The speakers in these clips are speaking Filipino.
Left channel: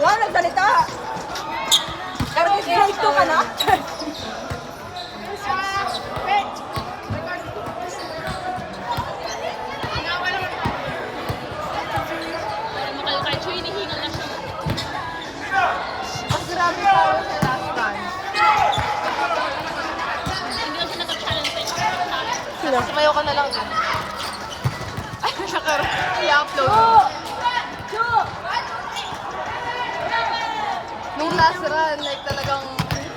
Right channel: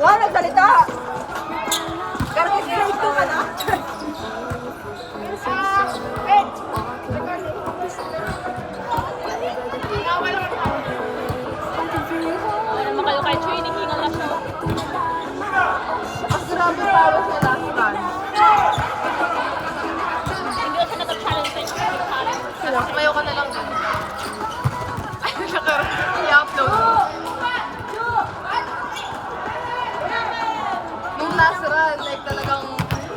Wow, nagsalita! Karang grade 2 ka na? Mas grabe power sa last time. Sumayaw ka na lang din. Ay, siya karo. I-upload. Nung last run, like talagang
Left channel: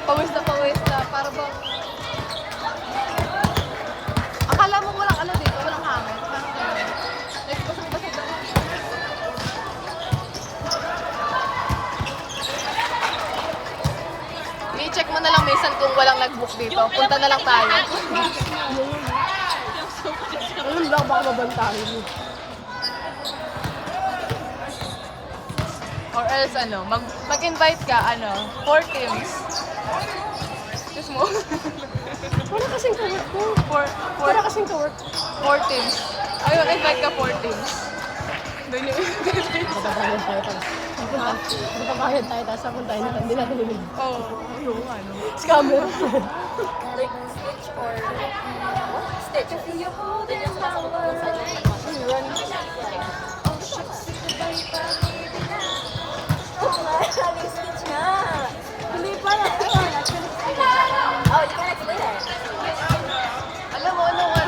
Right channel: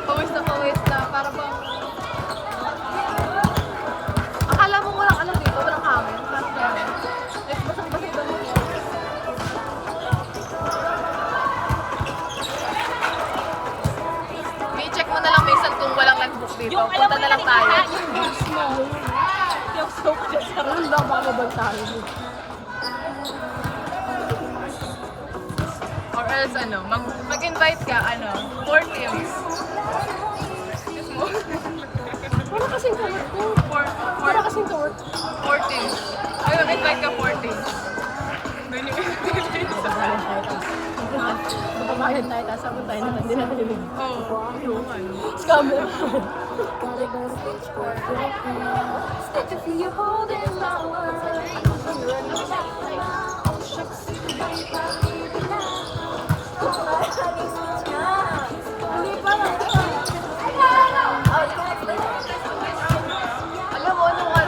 pawis na. Para bang... Akala mo walang ano dito, walang hangin. Parang gano'n. Like, basang-basa ito dito. I-check mo na lang minsan kung walang nag-book dito. Punta na lang tayo. Or else ano, mag-invite ka, 4 teams. Excuse mo? 4 teams. Ay, mag-invite ka 4 teams. Doon yung Kahit tayo, tapos ako tayo na hindi na nabili. Oo. Scammer. Alam mo, narinig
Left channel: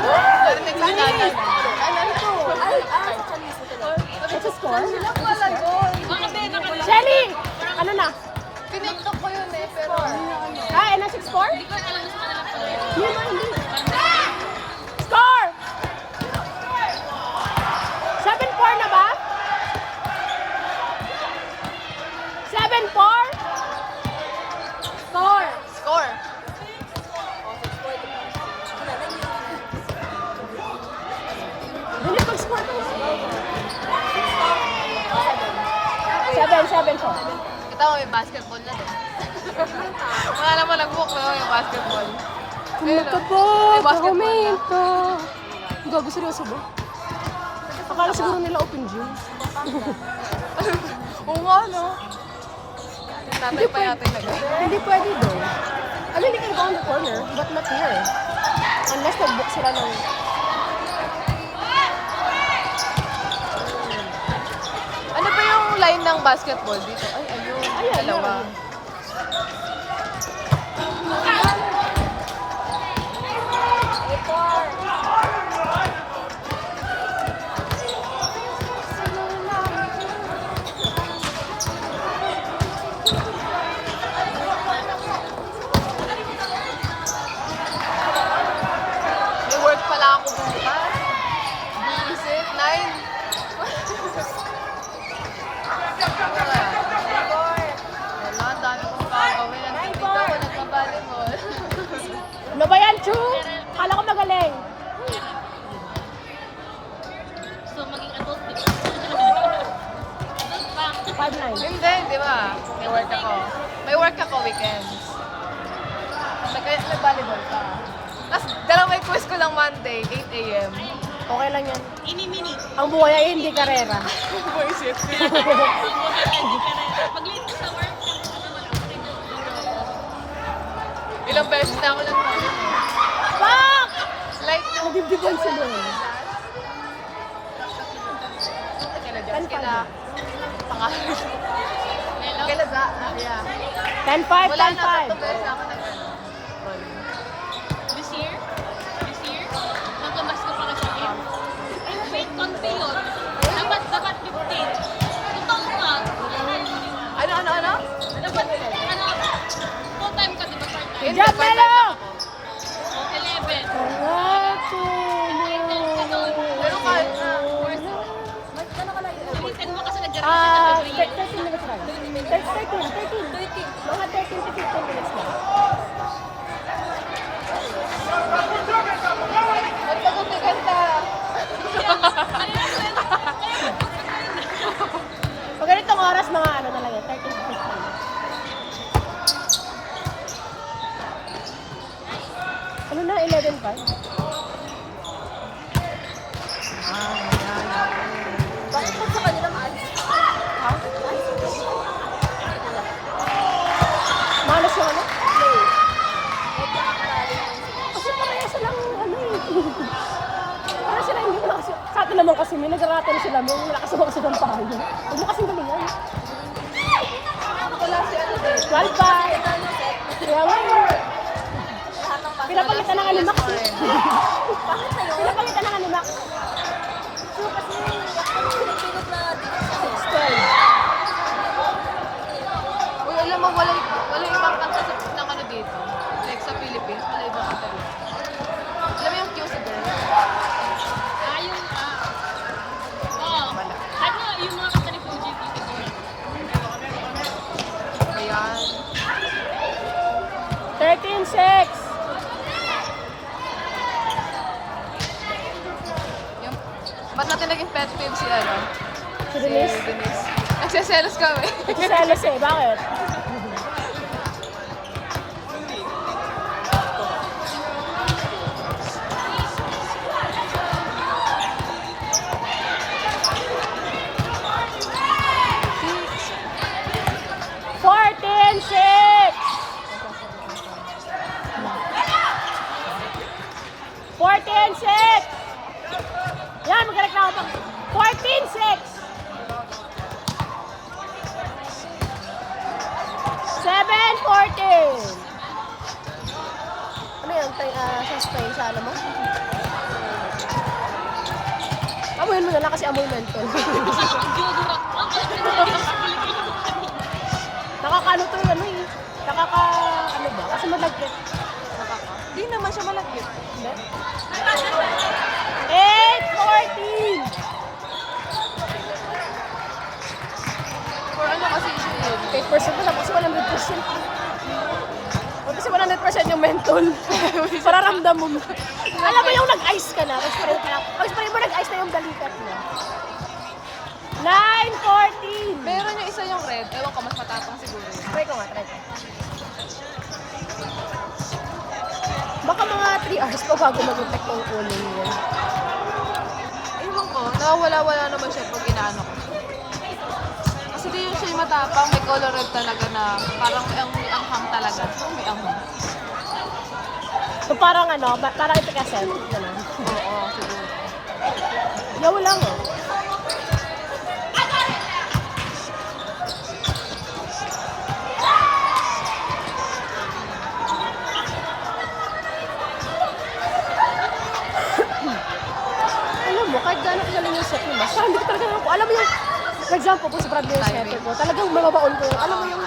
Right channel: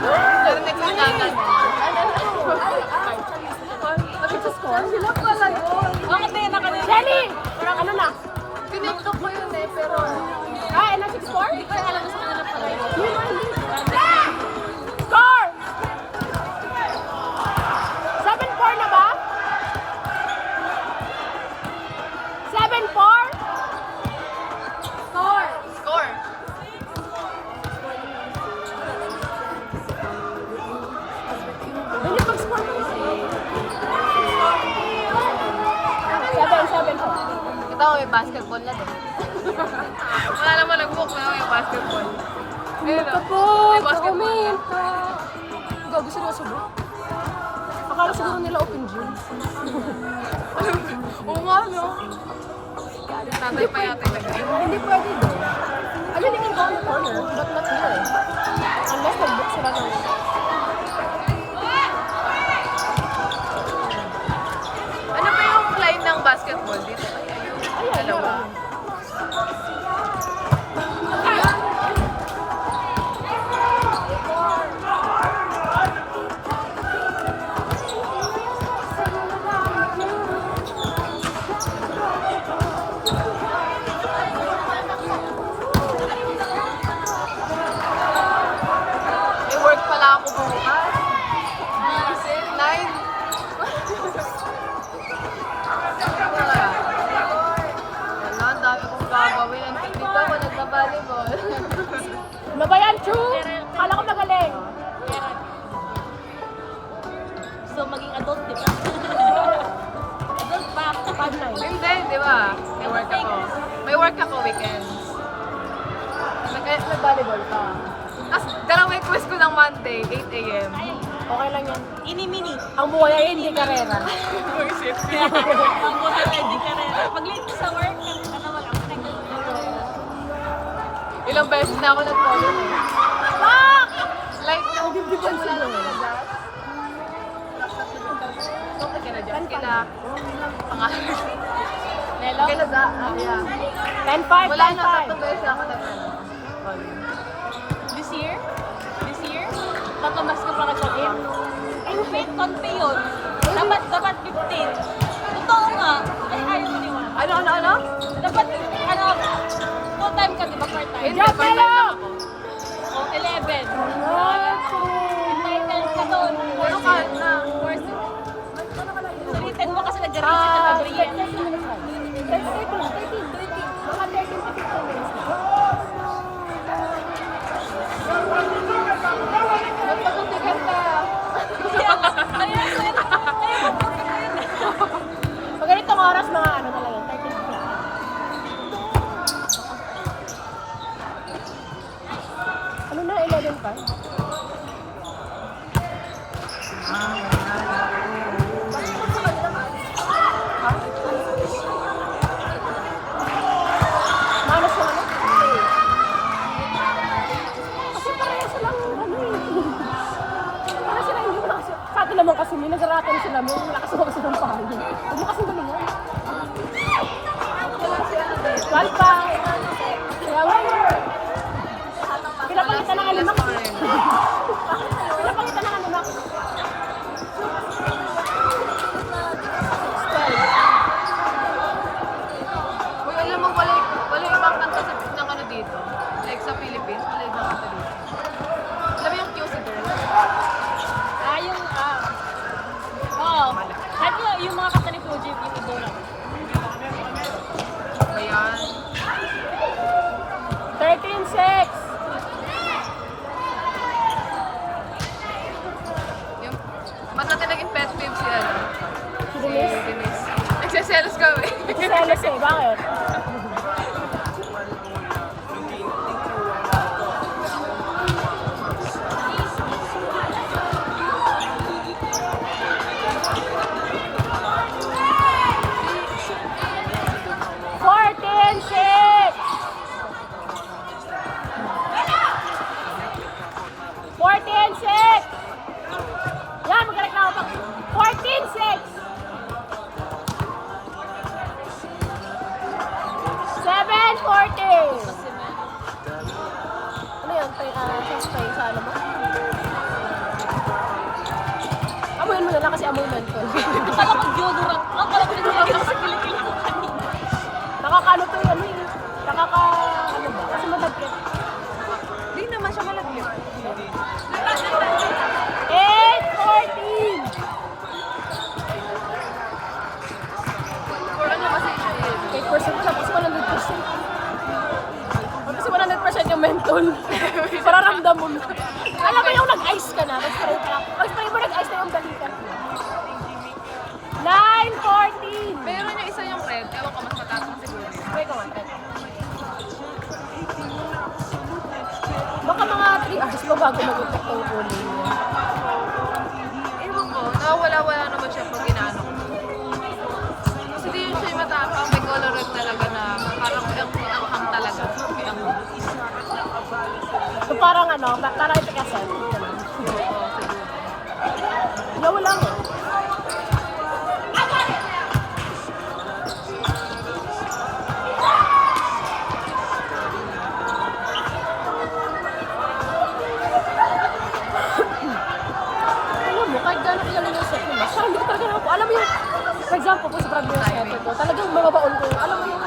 ko na sila pala yun. Bakit ba yun nakalimutan? Ano na? Piniktok ko yun pero... Ilan 6-4? Hindi ko alam sa kanila pala. Score! 7-4 na ba? 7-4? Score! Score! Kita ko may basketball na din. Wala naman nag-book na may basketball. Ayun o, may basketball na. Gabi seryoso ba? Akala siguro nila open gym. Oo nga, no? Tatay pa yata yun. Hindi pwede. Ano yung ikaw ko na? Unless nag-book sila na. Ano ba yung line ng basketball dito? Dalawa. May work pala ako bukas. Buisit, 9. Wala, ang dami kong gagawin. Ang dito ako nagbabalibol. Ano ba yan, Chu? Akala ko magaling. So, maging adult, di ba? Adult pa ako kapag Hindi, di ba? May work ako. May work ako weekends. Nag-volleyball pa. Tapos, dalawang quiz ko lang Monday, 8 a.m. Okay lang yan. ini-mini. Ang buhay ay hindi ka rin. Bullshit. Pag-late sa work, Ilang beses na ako nag-polo eh. Like, wala lang kinadas. Okay, kinadas. Pangalan. Kinadas, yeah. 10-5. Wala na, 3 beses na ako nag-polo. This year, nagpamas ko para sa akin. Wait, konti yun. Dapat 15. Totoo nga. Ano? Dapat, full-time ka, di ba? Part-time? Hindi, part-time lang ako. O, 11. Pero kahit na. Salitan mo kasi nag-reset na Adrian. Magpagutigan ka. Ganitong oras mga ano. sila mo, nakasabang-sabang pa rin. Ano kasi gulo mo? Wala si ano dito. Bye-bye! Pinapalitan na nga nila. Pinapalitan na nga nila. Uy, alam mo, wala ibang kanta ng ano dito. Like sa Philippines, wala ibang kanta dito. Alam mo yung cute girl? Ano yung mga kanta ni Fuji dito doon? Ayan. 13-6! Yung, ba't natin naging pet peeve si ano? Si Denise. Denise. Nagsiselos kami. Selos eh, bakit? Yan, correct na ako. 14-6! 7-14! Ano yung tayo na sa sabi mo? Amoy mo na lang kasi amoy mo ito. Akala ko deodorant. Akala ko nagsabi sa Pilipino. Nakakano to yan eh. Kasi malagkit. Hindi naman siya malagkit. 8-14! Or ano kasi yun? 8% kasi 100%. Kasi 100% yung mental. Mararamdam mo. Alam mo yung nag-ice ka na. Mas pa yung nag-ice na yung balikan. 9-14! Meron yung isa yung red. Ewan ko, mas mataas siguro. Try ko nga. Baka mga 3 hours mo bago mag-contact yung phone mo. Ewan ko, nawawala-wala naman siya pag inaano ko. Kasi di yun siya yung matapang. May color red talaga na parang ang ham talaga. Ang So parang ano, parang ito kasi. oo, siguro. No lang. Alam mo, kahit gano'n yung inisip mo, basta hindi ko talaga, alam mo yung, for example, kung sa Bradley Timing, talagang bumabaon ko, alam mo yung,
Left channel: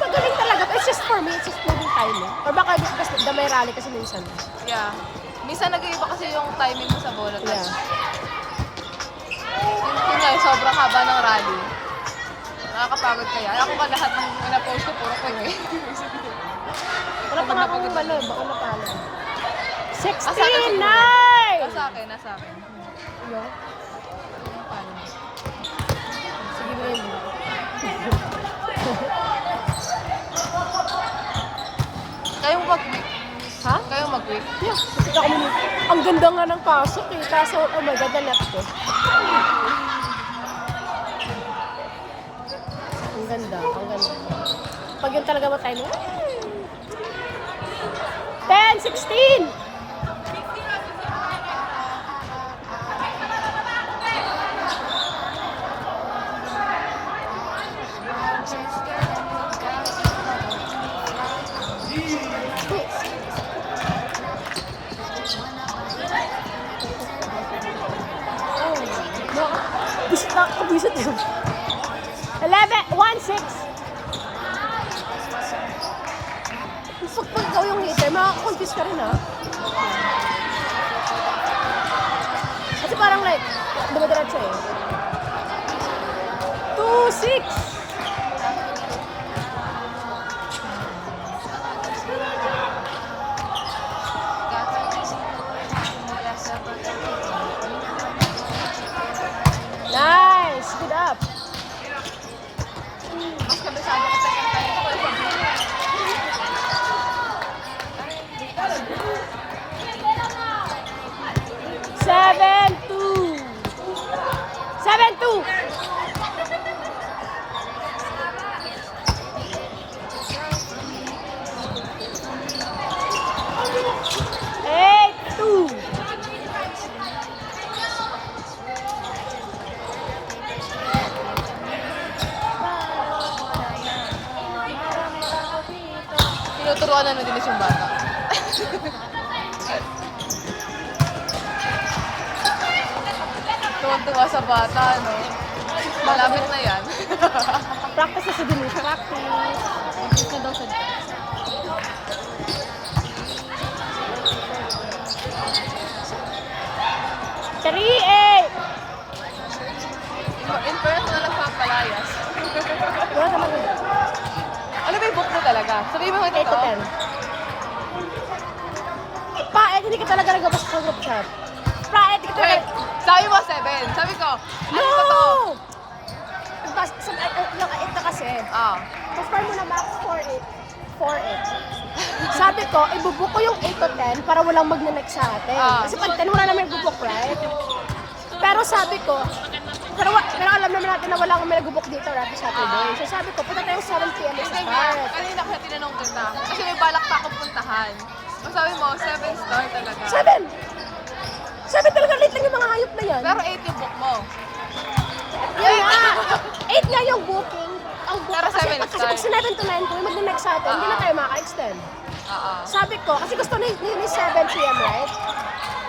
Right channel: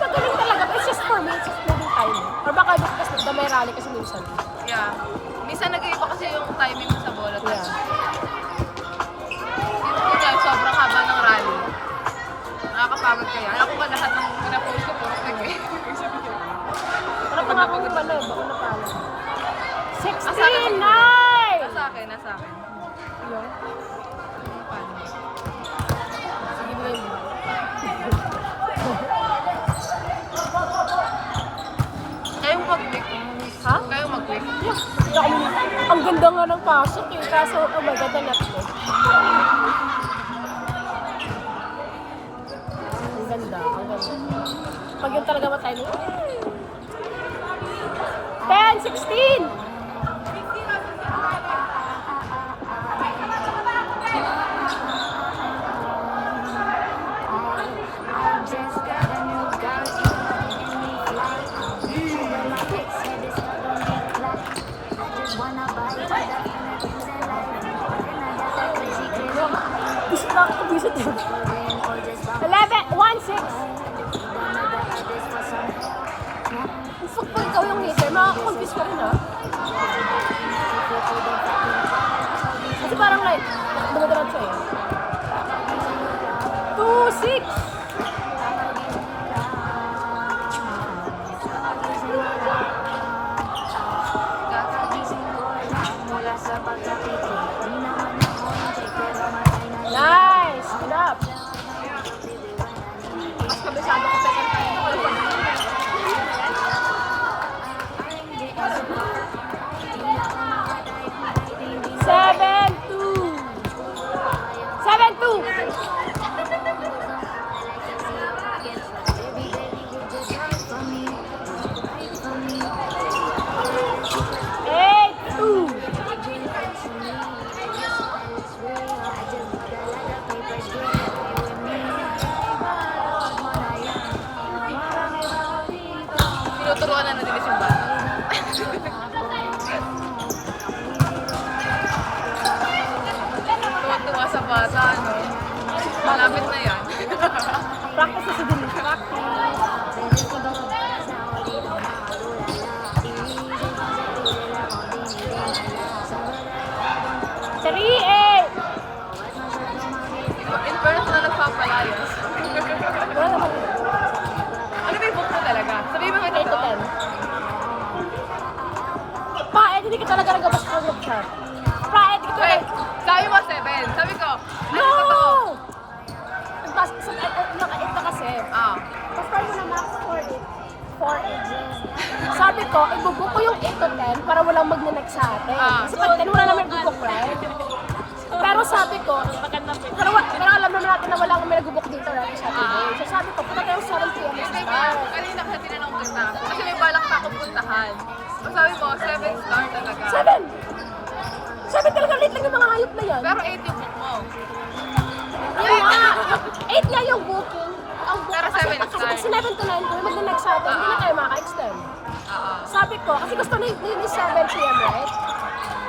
magaling talaga, it's just for me, it's just for me timing. Or baka gusto kasi na may rally kasi minsan. Yeah. Minsan nag-iiba kasi yung timing sa bola tayo. Yun nga, sobrang haba ng rally. Nakakapagod kaya. Ako ka lahat ng na-post ko po eh. Pagod na pagod na lang. 16-9! Nasa akin, nasa akin. Kayong mag-quit. Ha? Kayong mag-quit. Ang ganda nga ng pasok eh, kaso ako magdadala ko. Ang ganda, ang ganda. Pag yun talaga matay mo. 10-16! Bisa to. 11, 1-6. Football daw yung leader, makaka-confuse ko rin ah. Kasi parang like, dumadarat siya eh. 2-6. Nice! Enough! Tuturuan na nila yung bata. Tuwa-tuwa sa bata, no? Malapit na yan. Practice sa din siya. Siri, eh! In first na nagpapalayas. Ano ba yung book mo talaga? Sabihin mo ito to. Pa, eh, hindi ka talaga nag-book siya. Pa, eh, hindi ka Wait, sabi mo 7. Sabi ko, ano ba to? Pas, sa yung 8 na kasi. Ah. Basta mo na max 4-8. 4-8. Sabi ko, ibubuk ko yung 8 to 10 para walang mag-next sa akin. Ah. Kasi pag 10 wala naman ibubuk na. Pero sabi ko, pero alam naman natin na walang may nag-book dito na sa Ah. So sabi ko, para tayo 7 p.m. Kasi kanina kasi tinanong kita. Kasi may balak pa akong puntahan. So sabi mo, 7 start talaga. 7! 7 talaga, late lang yung mga hayop na yan. Pero 8 yung book mo. 8 nga yung booking. Pero 7 na start. Kasi 11 to 9 kung mag-next sa atin, hindi na tayo maka-extend. Oo. Sabi ko, kasi gusto na yun is 7 p.m. right?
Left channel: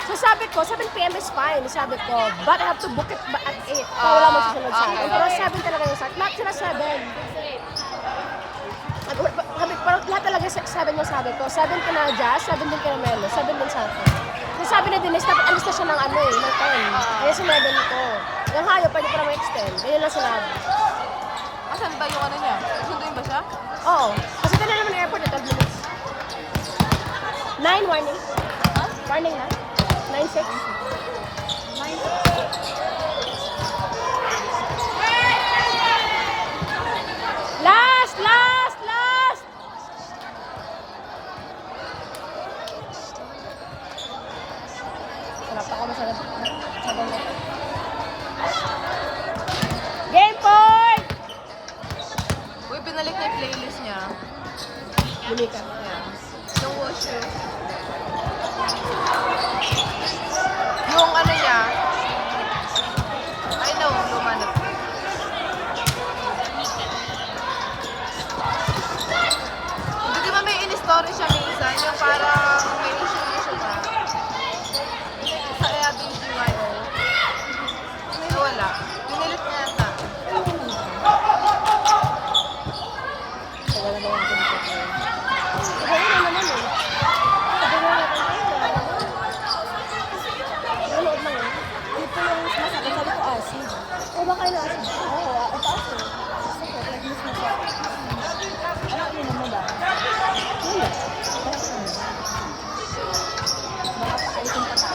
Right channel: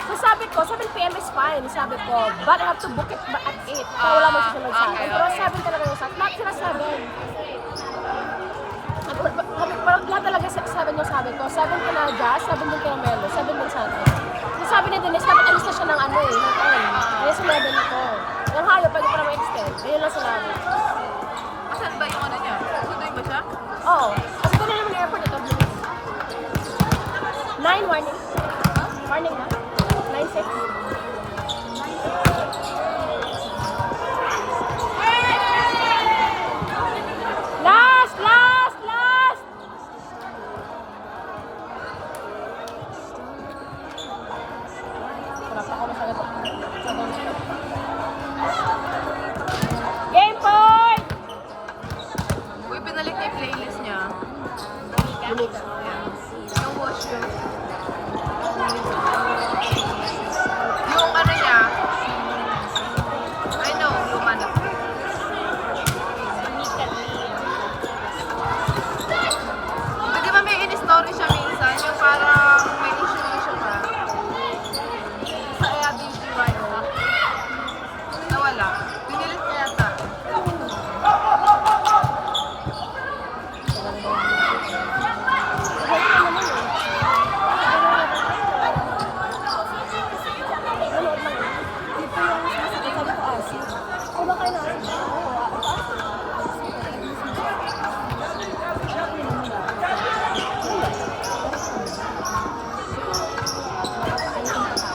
So sabi ko, 7 p.m. is fine. Sabi ko, but I have to book it at 8. Ah, okay, Pero okay. 7 talaga yung sabi. Not sila 7. Parang lahat talaga 7 yung sabi ko. 7 ka na Jazz, 7 din kay Melo, 7 din sa akin. Yung sabi na Denise, nag-alis na siya ng ano eh. Kaya si Melo na ano. Yung hayop, pwede para ma-extend. Ayun na sila. Asan ba yung ano niya? Sunduin mo siya? Oo. Kasi ka na naman na airport ito. 9 warning. Warning na. 9:50. Last! Last! Last! Game point! Uy, pinalik niya yung playlist niya. Yung wash you. Yung ano niya. I know, yung ano. Di ba may in-story siya minsan? Yung parang may issue pa. Sa Airbnb nawala. Ninilit niya yata.